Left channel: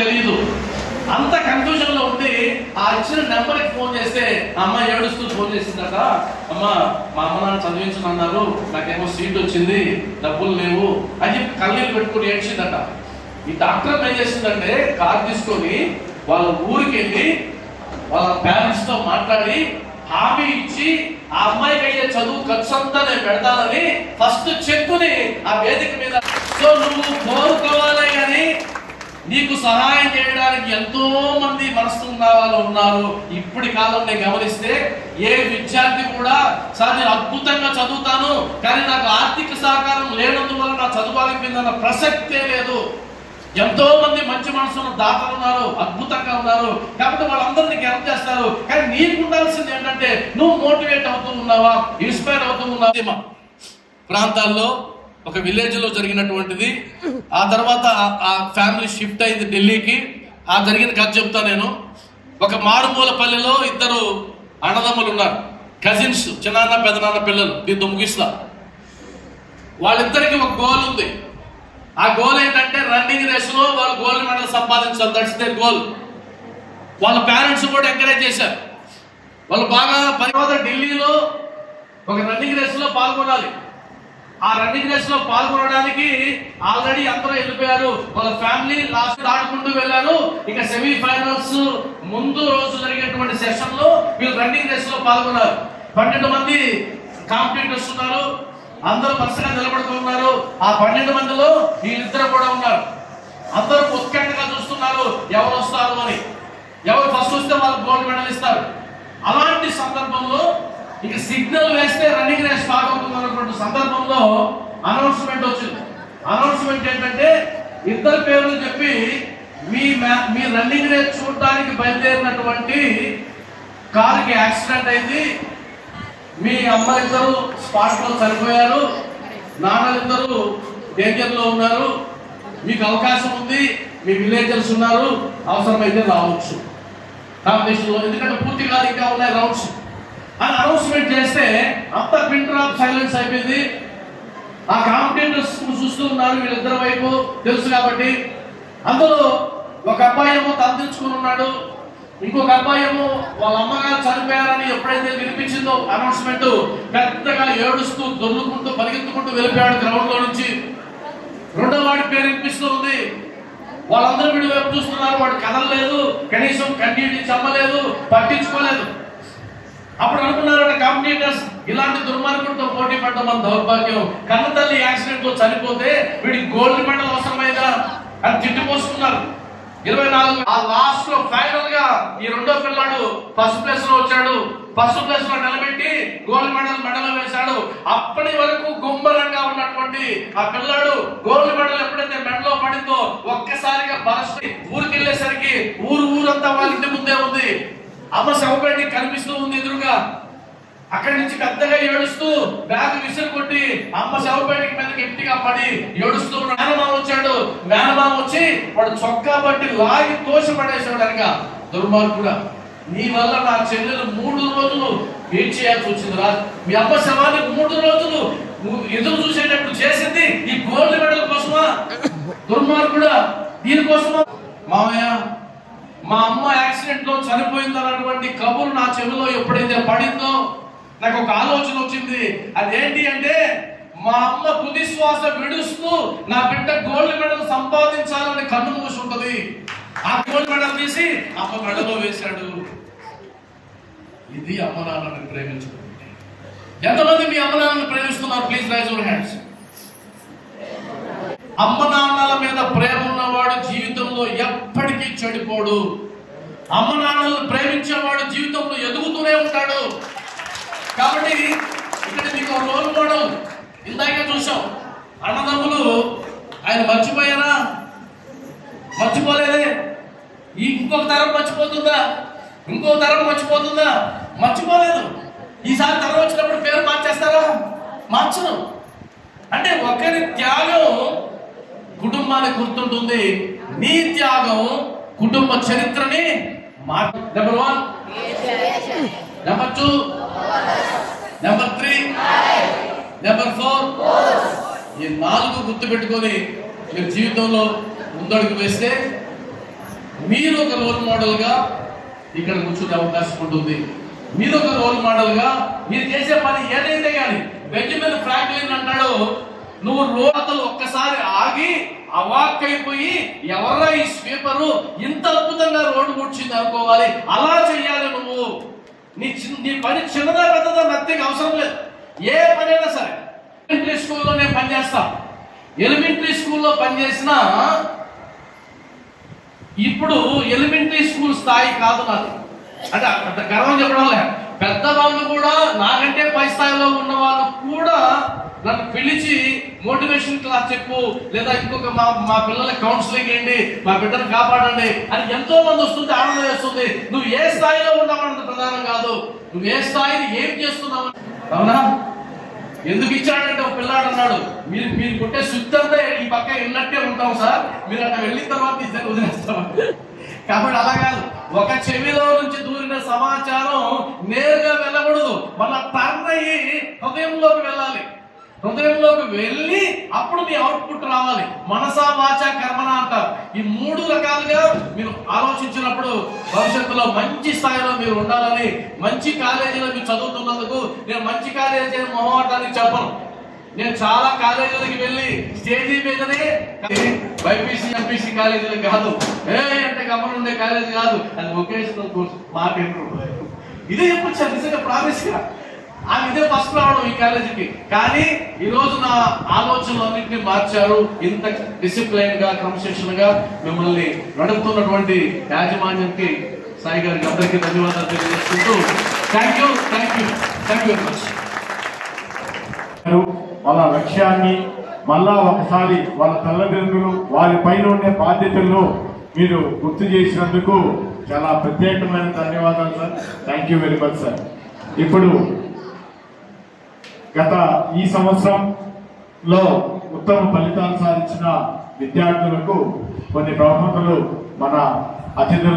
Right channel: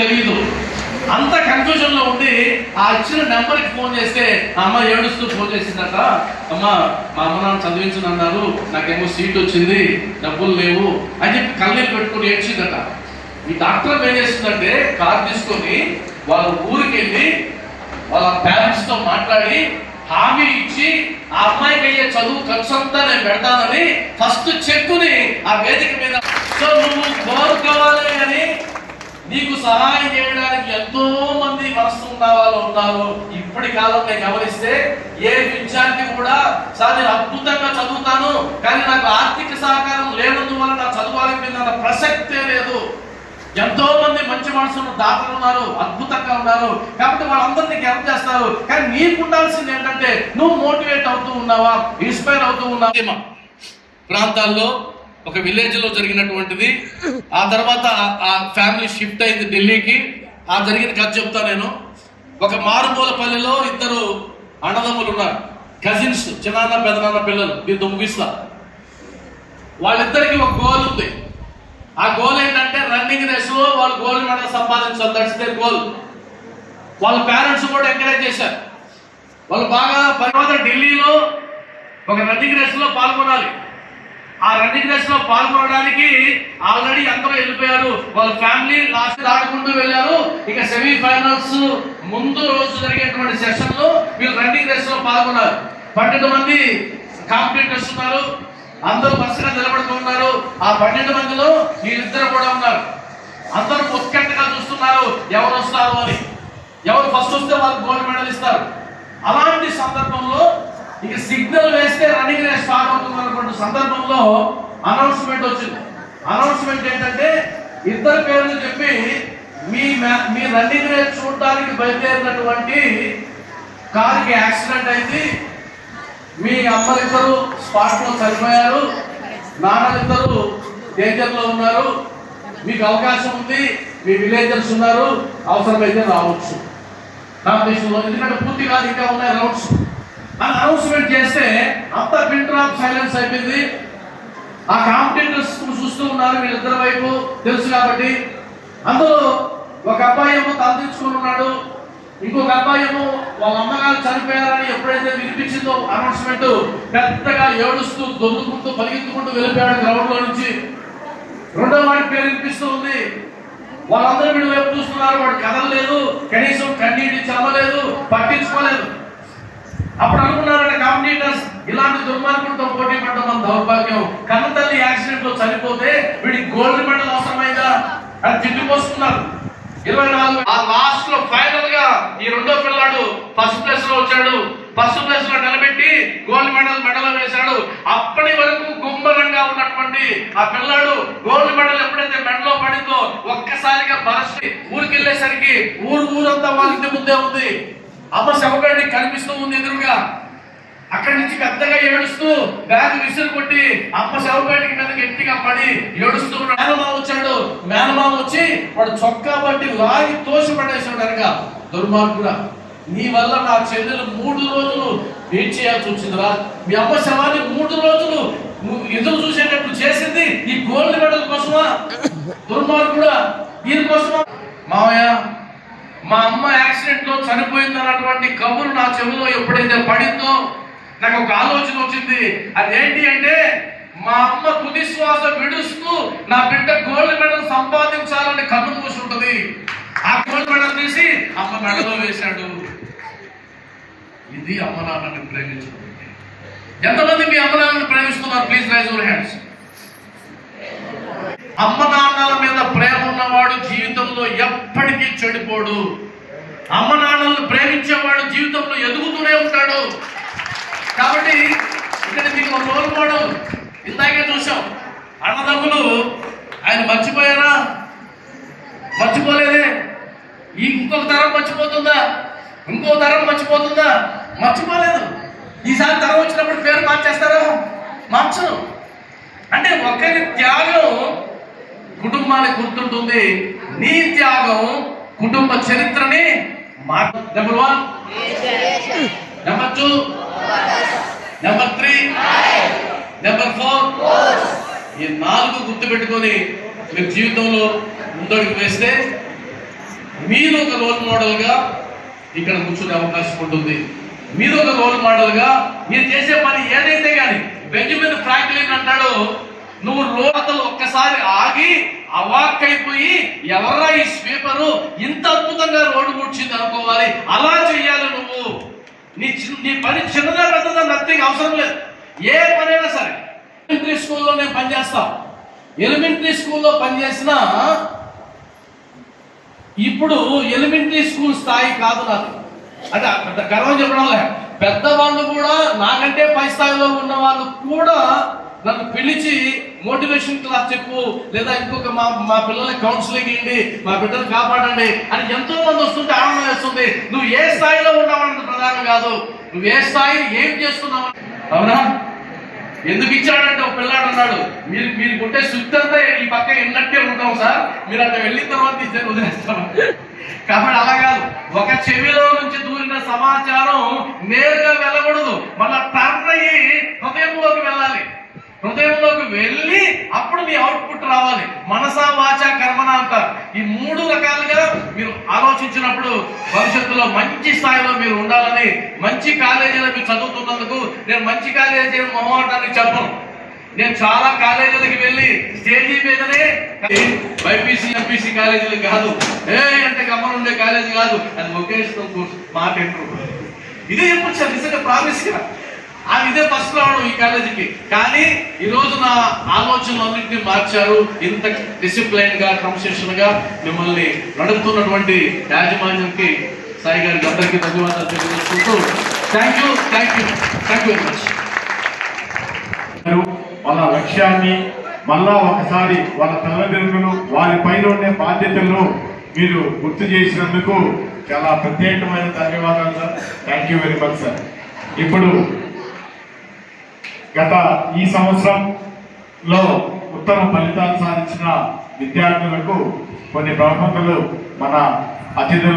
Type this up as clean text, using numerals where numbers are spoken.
తెలియదు. అంత కన్ఫ్యూజన్ లో ఉండి ఆ ఇచ్చిన నెంబర్కి ఫోన్ చేస్తే అమ్మ ఏడుస్తూ ఫోన్ చేసిందట, అమ్మ మా అమ్మ నాన్న చదివించనన్నారు, నాకేమో సీట్ వచ్చింది, డబ్బులు లేవు అని చెప్పి కళ్ళీలు పెట్టుకుని ఏడ్చిందట. ఈ డాక్టర్ ఏం చేసిందంటే కార్ తీసుకొని వాళ్ళ ఊరికి వెళ్ళి వాళ్ళ పేరెంట్స్ తో మాట్లాడి హామీ ఇచ్చి ఆ అమ్మాయికి అయ్యే చదువు ఖర్చు అంతా నేను పెడతానని ఫస్ట్ చెక్కుని ఆ వేదిక మీద. సో నువ్వు కోరుకోవాలి కానీ నీకు సహాయం చేయడానికి ఎంతో మంది మనసు ఉన్న వాళ్ళు ఉన్నారు. ఇప్పటి కాలంలో గమనిస్తే ఏ విద్యార్థి కూడా సార్ నేను అద్భుతంగా చదువుతాను కానీ నాకు ఆర్థిక సహకారం లేనందువల్ల నా చదువు ఆగిపోయిందన్న ప్రసక్తే లేదు. ఎంతో మంది మంచి మనసున్న దాతలు ఉన్నారు, అద్భుతంగా ఉన్నారు. కాబట్టి వాళ్ళందరినీ హెల్ప్ చేస్తారు. కానీ నీకు ఉండాల్సింది ఏంటంటే నువ్వు మోటివేట్ అవుతూ ఉన్నావా, ఇన్స్పైర్ అవుతూ ఉన్నావా. ప్రాంతాల్లో ఒక విలేజ్ లో జరిగినటువంటిది. ఆ తర్వాత ఆ ఫ్యామిలీ షిఫ్ట్ అయింది ఢిల్లీకి. ఆ జరిగిన కథ చెప్తా నేను. ఒక మారుమూల పల్లెలో ఇద్దరు అన్నదమ్ములు ఉన్నారు, కజిన్స్, చిన్నాన్న పెదనాన్న పిల్లలు. దీంతో ముగిస్తా. వాళ్ళిద్దరికి ఒక గోల్ ఉంది. ఆ గోల్ ఏంటంటే రన్నింగ్ రేస్ లో వాళ్ళు గోల్డ్ మెడల్ సంపాదించాలి. That's there goal. వాళ్ళ పేరెంట్స్ కూడా ఎంకరేజ్ చేశారు. వాళ్ళు బాగా తర్వాత ఢిల్లీలో ఒక రన్నింగ్ రేస్ లో పాల్గొనాలి. ఆ రన్నింగ్ రేస్ లో పాల్గొనడానికి ఆల్రెడీ అందరూ వెళ్ళిపోయారు. వాళ్ళ ఫ్యామిలీ లాస్ట్ ఆడుకుంటూ వెళ్ళారు. ఇక సెమీఫైనల్స్ ముందు రోజు జరిగేటువంటి సెషన్ లో వీళ్ళు రన్నింగ్ రేస్ లో పాల్గొన్నారు. 12 మంది కాంపిటీటర్స్ ఉన్నారు. అందరూ వరుసగా నిలబడుతున్నారు. ఆ 12 మందిలో వీళ్ళిద్దరు కూడా ఉన్నారు. అందరూ ఉత్కంఠగా చూస్తున్నారు ఎవరు వస్తారు అని. ఎవరు ఫస్ట్ వస్తే వాళ్ళకి గోల్డ్ మెడల్ ఇస్తారు. అలాంటి సందర్భంలో ఇక సిగ్నల్ వేస్తే రన్నింగ్ రేస్ స్టార్ట్ అవుతున్నటువంటి సందర్భంలో అనౌన్స్మెంట్ వచ్చింది. అనౌన్స్మెంట్ ఏంటంటే ఇద్దరు పేర్లు చెప్పి మీ రన్నింగ్ రేస్ చూడటానికి బయలుదేరినటువంటి కారుకి యాక్సిడెంట్ అయింది, మీ అమ్మలిద్దరు స్పాట్ లో చనిపోయారు, నాన్నలిద్దరు డేంజర్ లో ఉన్నారు, మీకు అవకాశం ఉంది, మీ విలేజర్స్ ఉన్నారు, అవసరమైతే రావచ్చు నామినేషన్లో, ఎందుకంటే పూర్తి కాదు ఇంకా ఉన్నాయి రౌండ్స్ అని అనౌన్స్మెంట్ చేస్తే అంతా పిన్ డ్రాప్ సైలెన్స్ అయిపోయింది. ఆ కాంపిటీటర్స్ చూస్తూ ఉన్నారు వీళ్ళిద్దరి వైపు తెలుసు కాబట్టి. అందులో ఒక అబ్బాయి ఏమో తలదించుకుని ఉన్నాడు, ఇంకొక అబ్బాయి ఏమో వాళ్ళ అమ్మగారు చనిపోయారని ఎప్పుడైతే వినిపించిందో అనౌన్స్మెంట్ పెద్దగా ఏడుస్తూ దొర్లుకుంటూ పరిగెత్తుకుంటూ వెళ్ళిపోయాడు గ్రౌండ్ లో నుంచి. రెండో వాడి పేరు వినిపిస్తూ ఉంది. వాళ్ళందరూ వీడు వైపు చూస్తున్నారు. వాడు కదలలేదు, కనీసం కన్నీటి చెమ్మలేదు, పట్టించుకోలేదు. అప్పుడు అనుకున్నారంటే కాంపిటీటర్స్ ఇలాంటి దుర్మార్గులతో పోటీ పడడం మన దౌర్భాగ్యం. కన్నతల్లి యాక్సిడెంట్ లో చనిపోతే వీడికి గోల్డ్ మెడల్ అవసరమైందా అని తిట్టిపోస్తున్నారు. 24 ఆ లాస్ట్ లో ఫైనల్ గా ఈ రెండో పిల్లాడు ఫస్ట్ ప్లేస్ లో వచ్చాడు. ఫస్ట్ ప్లేస్ లో నిలబెట్టి గోల్డ్ మెడల్ వేశాడు. అప్పటి వరకు గుమ్మరంగా ఉన్నటువంటి ఆ పిల్లాడు గోల్డ్ మెడల్ ఎప్పుడైతే మెడలో పడిందో ఒక్కసారిగా బరస్ట్ ఊరికి వెళ్ళేసరికి ఊరంతా వాళ్ళ ఇంటి ముందే ఉంది. అమ్మ శవగడ్డి కనిపిస్తూ ఉంది ఎదురుగా. అక్కడి నుంచి పెద్దగా ఏడుస్తూ బ్యాగ్ విసిరు కొట్టి అమ్మ శవపేటకి మీద గట్టిగా పడి ఏడుస్తూ ఉన్నాడు. మేనమామ వచ్చాడు. మేనమామ వచ్చి వాడు చొక్కా బట్టి లాగి తోసి పడేసాడు. అనగా దుర్మార్గుడా, నీ వల్ల నా చెల్లెలు 3 రోజులు వెయిట్ చేయాల్సి వచ్చిందిరా. మీ అమ్మ శవాన్ని 3 రోజులు ఎదురు చూసేటట్టు చేసింది ఈ గోల్డ్ మెడల్ కోసమా? దుర్మార్గుడా, దీనికోసమా? మామయ్య, మా అమ్మ యాక్సిడెంట్ లో చనిపోయింది అన్నటువంటి కబురు నా చెవిలో ఎప్పుడైతే పడిందో నాకు ఒక ఆలోచన వచ్చింది. అదేంటి అంటే మా అమ్మ తుది శ్వాస విడుస్తూ నా బిడ్డ గోల్డ్ మెడల్ సంపాదించాలని కన్ను మూసి ఉంటది. ఆ గోల్డ్ మెడల్ తీసి అమ్మ మెడలో వేశాడు. ఇది అమ్మ నాన్నని ప్రేమించడం. ఎంతమంది మీ అమ్మ నాన్నని ప్రేమిస్తున్నారు? Please raise your hands. అమ్మ నాన్నల మీద ప్రేమ ఉన్నవాడు జీవితంలో ఎప్పటికీ చెడిపోడు. అమ్మ నాన్నలను ప్రేమించేవాడు జీవితంలో ఎదుగుతూనే ఉంటాడు. కాబట్టి ఇక్కడ మీకు రోల్ మోడల్ ఇందాకే చూసాం. అన్నదమ్ములు ఆయన మర్చిపోయారా? మర్చిపోలేదే. ఇంకొక తరం మర్చిపోతుందా? ఇంకో తరం మర్చిపోతుందా? మర్చిపోలేదు. ఈసారి తరం వచ్చినప్పుడు పేరు మార్చేస్తారా? మార్చరు. అంటే ఒకరి త్యాగం కుటుంబానికి గుర్తుంటుంది. నీ త్యాగం కుటుంబ చరిత్రని నెంబర్ 1, నెంబర్ 2, నెంబర్ 3, నెంబర్ 4 ఈ 4 గుర్తు పెట్టుకొని మీరు జీవితంలో ముందడుగు వేస్తే మీరు ఒక రోల్ మోడల్ గా ఇక్కడ కూర్చునే అవకాశం ఉంటుంది. మీరు ఒక రోల్ మోడల్ గా మీరు చేసే పని ఏదైతే కానీ బెంజమిన్ ఫ్రాంక్లిన్ అంటాడు, నువ్వు రోతలు ఒక్కసారి ఆగి అవాక్కైపోయి ఎవరా ఈ స్వీపరు ఇంత అద్భుతంగా రోడ్డు కూర్చుంది అనుకోవాలి. అలా చెయ్యాలి నువ్వు. నీ పని చిన్నదా పెద్దదా నథింగ్ అవసరం లేదు. ఏ పనైనా సరే. ఎలిమెంటరీ స్కూల్లో నేను పనిచేస్తా. ఎలిమెంటరీ స్కూల్లో పనిచేసినా ఇప్పుడు ఎలిమెంటరీ స్కూల్ స్థాయి కాదు నాది. అంటే గర్వం చెప్పడం లేదు. పెద్దవాళ్ళు కూడా నాకంటే పై స్థాయిలో ఉన్న వాళ్ళు కూడా నన్ను పిలిచి మోటివేషన్ క్లాస్ చెప్పు, లేదా ఇంకొక మా పిల్లలకి కౌన్సిలింగ్ ఏంటి, మా బిడ్డలు కాపాడండి అని ఎంతో మంది వస్తుంటే ఆనందం వేస్తుంది. నువ్వు ఏ స్థాయిలో ఉన్నావన్నది ప్రధానం కాదు, నువ్వు ఏ స్థాయిని ఏం చేస్తున్నావు. అవునా? ఎందుకు ఇచ్చాడంటే ఒక పిల్లాడు అన్నాడు, మీరు కొట్టే సుత్తి అంతా ఈ పక్క ఇన్నట్టే ఉంటాం సార్, మీరు అక్కడ వెళ్ళిన తర్వాత ఇద్దరు వదిలేస్తాం. కాబట్టి అలా కాదు, ఒక చెవిలో నుంచి దూరిన సమాచారం నేరుగా వెళ్ళకూడదు, మళ్ళా టర్న్ అయ్యి హృదయంలోకి వెళ్ళాలి. హృదయంలోకి వెళ్ళి అప్పుడు మీ అవుట్పుట్ రావాలి. మనసా వాచ కర్మన అంటారు. ఈ 3 రకాలుగా మీరు ఆలోచించినప్పుడు భవిష్యత్తులో మంచి స్థాయిలో మీరు ఉండాలని, మంచి కాలేజీలో మీరు చదువుతున్నందుకు నేను మంచి కాలేజీ మొహమాటానికి చెప్పను. నేను చాలా కాలేజీలకి వెళ్ళి స్టేజీ మీదనే బైపీసీ ఎంపీసీ కాలేజీలు కాదు, అంటే గమనం ఉండే కాలేజీ కాదు, అది వొకేషనల్ కోర్స్ మాట ఇదే చెప్పొచ్చు నిజంగా ప్రామిస్ గా. ఇదే ఫస్ట్ రావడం ఈ కాలేజీకి. కానీ ఈ రోజు నా ఆలోచనలన్నింటినీ మార్చారు. ఇంత డిసిప్లైన్ గా క్రమశిక్షణ గా మిమ్మల్ని నడుపుతున్నటువంటి యాజమాన్యంకి సాయి గారికి అందరికీ ధన్యవాదాలు తెలియజేసుకుంటూ థ్యాంక్ యూ వెరీ మచ్. వాళ్ళ లక్ష్యాన్ని మళ్ళా ఒకసారి వాళ్ళ తల్లిదండ్రులు వారి పైన ఉండే బాధ్యతలను మీరు గుర్తు చేసినందుకు చాలా ప్రత్యేకమైన ధన్యవాదాలు sir. Thank you very much sir. ఇప్పుడు గత ఈ సంవత్సరంలో ఉత్తమ ఫలితాలు సాధించిన విద్యార్థులకు కొన్ని బహుమతులు మన ముఖ్య అతిథులు